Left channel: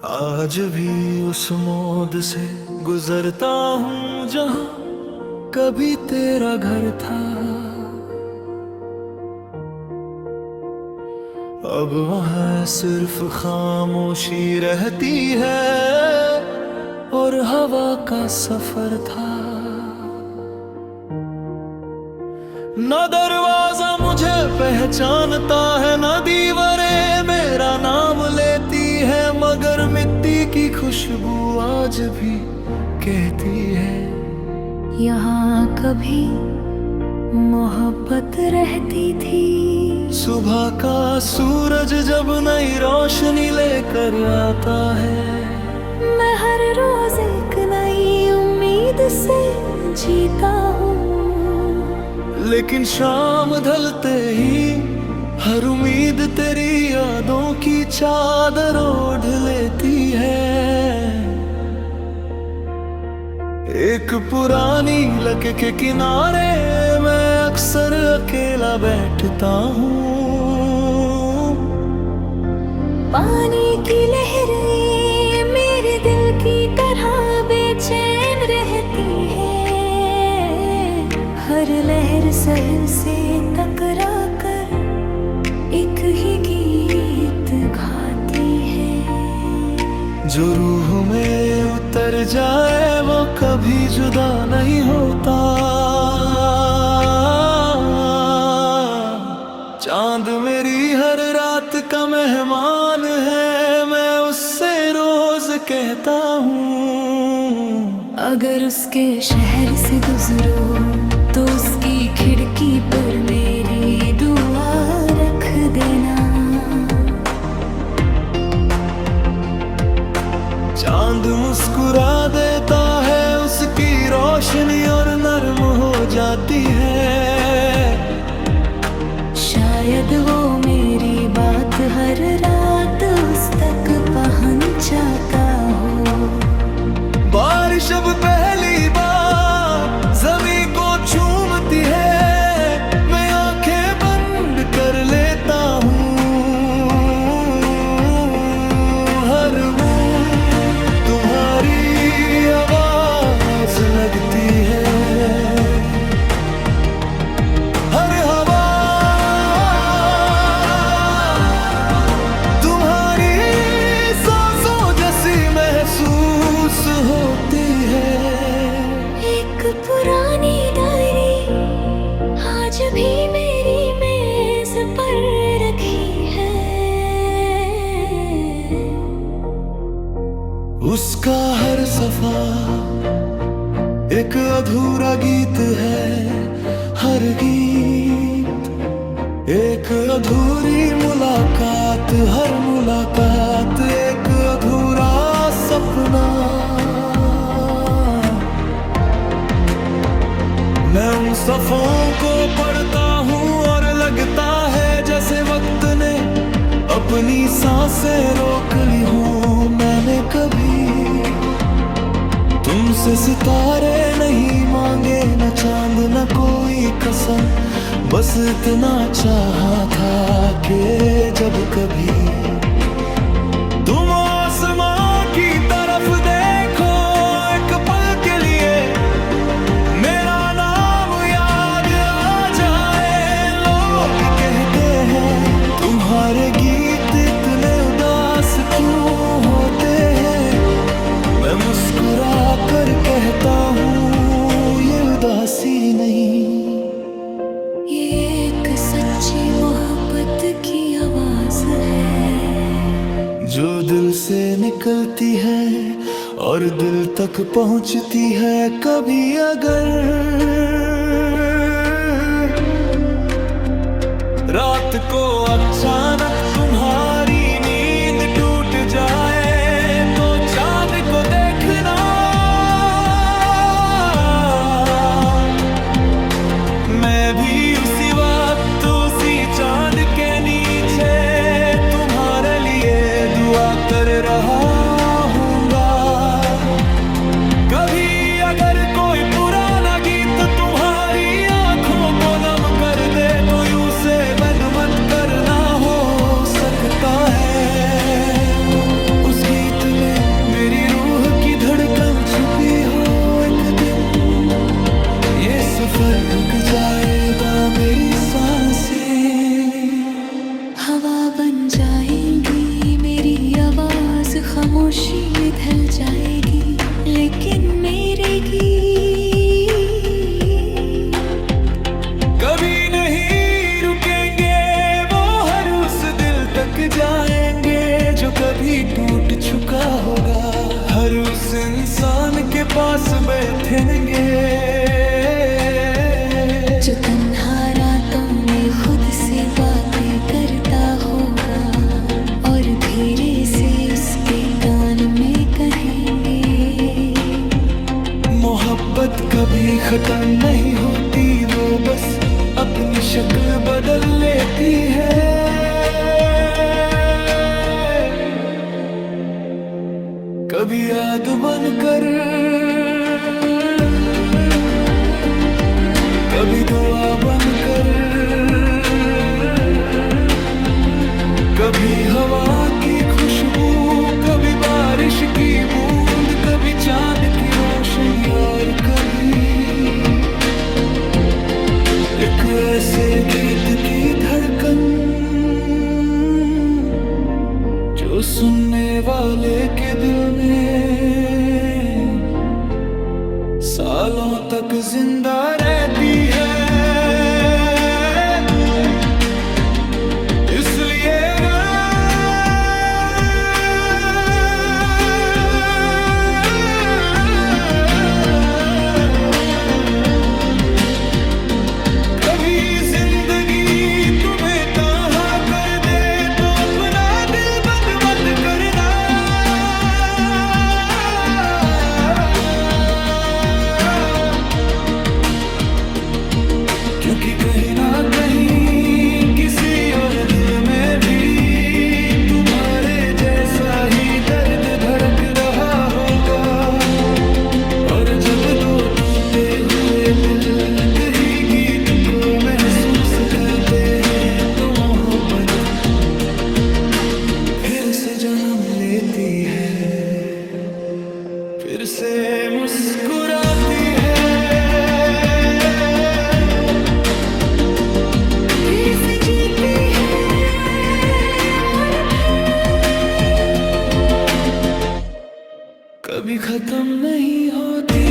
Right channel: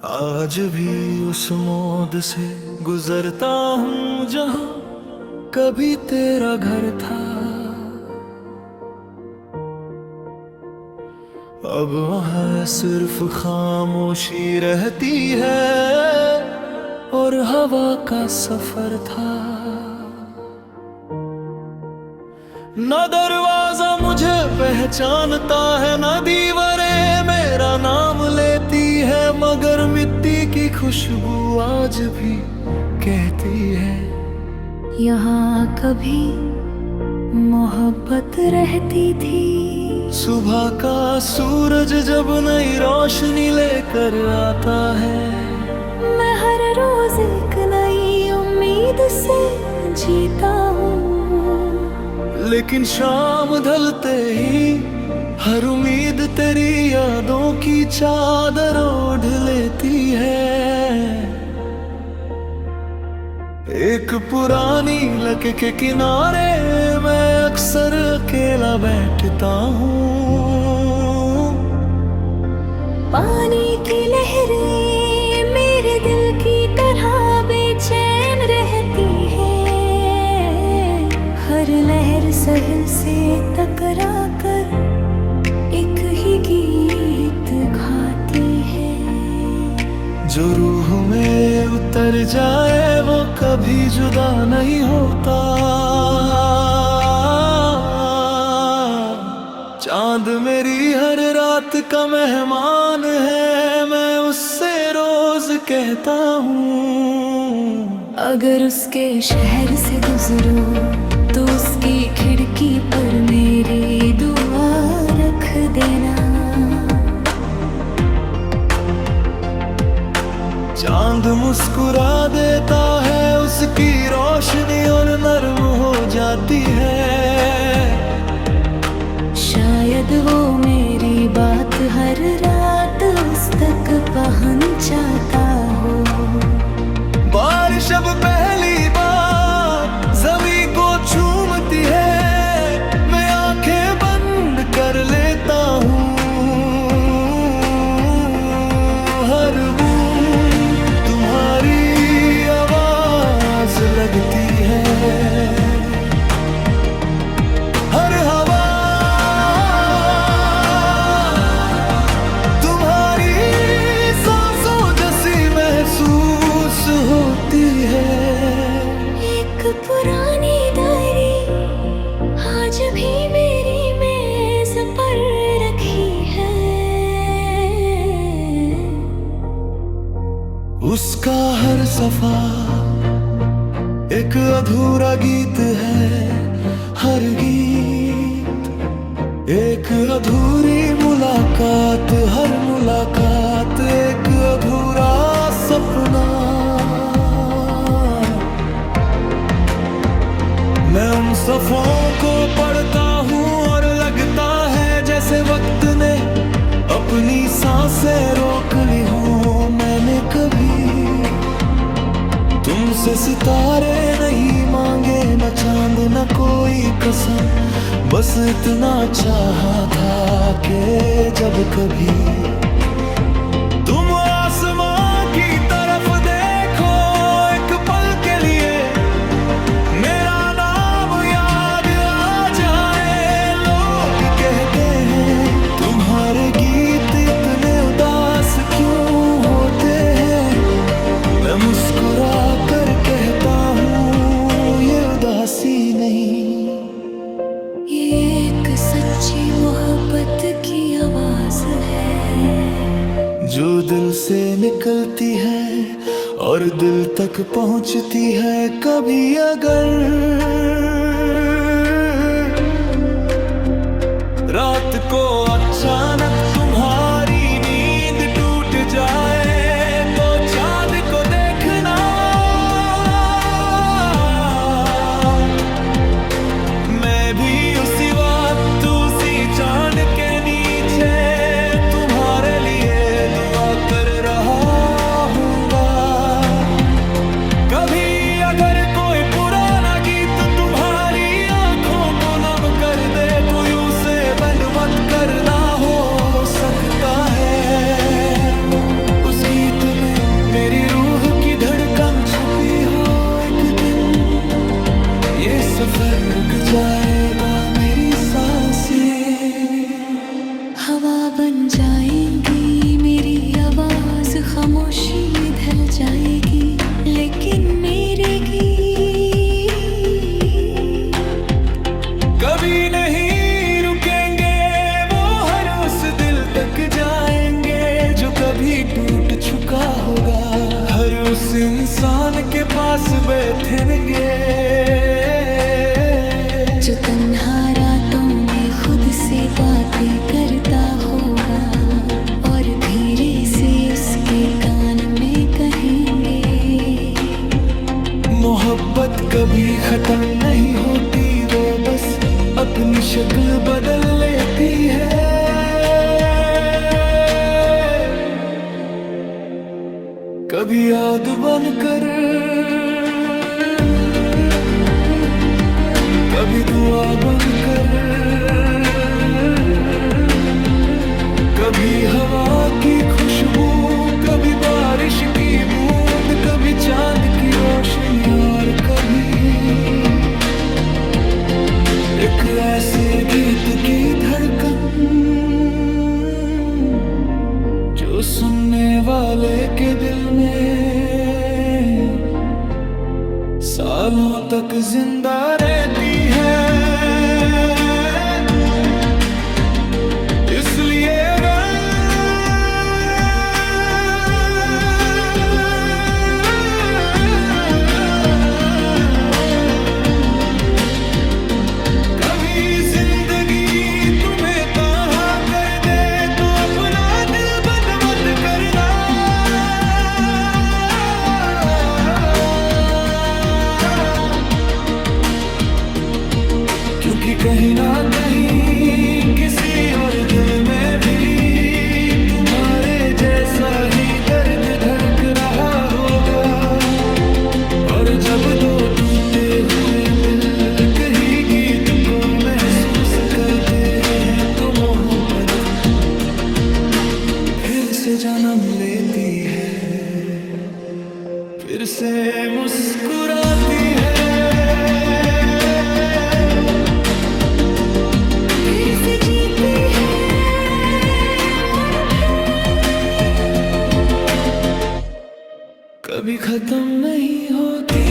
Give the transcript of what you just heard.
आज भी उस मोड़ से गुजरता हूँ जहाँ कभी तेरा घर था। अब वहाँ सिर्फ खामोशी रहती है और हवा का सफर था। न दरवाजा मुझे पहचानता है, न दीवारें मेरा नाम लेती है, मगर मिट्टी की खुशबू आज भी कहती है यहाँ कभी मोहब्बत रहती थी। सुबह का सूरज जब नई रोशनी लेकर आता है, मैं हर रोज एक नई उम्मीद से जीता हूँ। लेकिन शाम ढलते ही हर उम्मीद तेरी यादों की चादर ओढ़ लेती है। एक पुरानी लक के किनारे मैं अक्सर अकेला बैठता हूँ। पानी की लहरें मेरे दिल की तरह बेचैन रहती है, हर लहर साहिल से टकरा कर एक ही गीत गाती है। जो रूह में उतर जाए वो कभी जुदा नहीं होता। चांद मेरी हर रात का मेहमान है, मैं उससे रोज कहता हूँ। अगर उसके शहर से गुजरो तो उसकी खिड़की पर मेरी दुआ रख देना। चांद मुस्कुरा देता है, उसकी रोशनी और नरम हो जाती है। शायद वो मेरी बात हर रात उस तक पहुंचाता हो। बारिश अब पहली बार ज़मीं को चूमती है, मैं आंखें बंद कर लेता हूँ। हर बूंद तुम्हारी आवाज लगती है, हर हवा तुम्हारी सांसों जैसी महसूस होती है। एक पुरानी डायरी आज भी मेरी मेज पर रखी है। उसका हर सफा एक अधूरा गीत है, हर गीत एक अधूरी मुलाकात, हर मुलाकात एक अधूरा सपना। मैं उन सफ़ों को पढ़ता हूँ और लगता है जैसे वक्त ने अपनी सांसें रोक ली हूँ। मैंने कभी तुमसे सितारे नहीं मांगे, न चांद न कोई कसम, बस इतना चाहा था कि जब कभी तुम आसमां की तरफ देखो, एक पल के लिए मेरा नाम याद आ जाए। लोग कहते हैं तुम्हारे गीत इतने उदास क्यों होते हैं, मैं मुस्कुरा कर कहता हूँ ये उदासी नहीं, ये एक सच्ची मोहब्बत की आवाज है, जो दिल से निकलती है और दिल तक पहुँचती है। कभी अगर रात को अचानक तुम्हारी नींद टूट जाए तो चांद को देखना, मैं भी उसी वक्त उसी चांद के नीचे तुम्हारे लिए दुआ कर रहा हूँगा। कभी अगर कोई पुराना गीत तुम्हारी आंखों को नम कर दे तो यूं से बंद मत करना, हो सकता है उस इस गीत में मेरी रूह की धड़कन छुपी हो। एक दिन ये सफर रुक जाएगा, मेरी सांसें हवा बन जाएंगी, मेरी आवाज खामोशी में ढल जाएगी, लेकिन मेरे गीत कभी नहीं रुकेंगे, वो हर उस दिल तक जाएंगे जो कभी टूट चुका होगा, हर उस इंसान के पास बैठेंगे जो तन्हा रातों में खुद से बातें करता होगा और धीरे से उसके कान में कहेंगे। मोहब्बत कभी खत्म नहीं होती, वो बस अपनी शक्ल बदल लेती है। कभी याद बनकर, कभी दुआ बनकर, कभी हवा की खुशबू, कभी बारिश की बूंद, कभी चांद की रोशनी और कभी एक ऐसे गीत की धड़कन जो सुनने वाले के दिल में सालों तक जिंदा रहती है। इसलिए अगर कभी जिंदगी तुम्हें तन्हा कर दे तो अपना दिल बंद मत करना, क्योंकि कहीं ना कहीं किसी और दिल में भी तुम्हारे जैसा ही दर्द धड़क रहा होगा। और जब दो टूटे हुए दिल कहीं गीत को महसूस करते हैं तो मोहब्बत फिर से जन्म लेती है, फिर से मुस्कुराती है, फिर से जीती है और फिर कभी खत्म नहीं होती।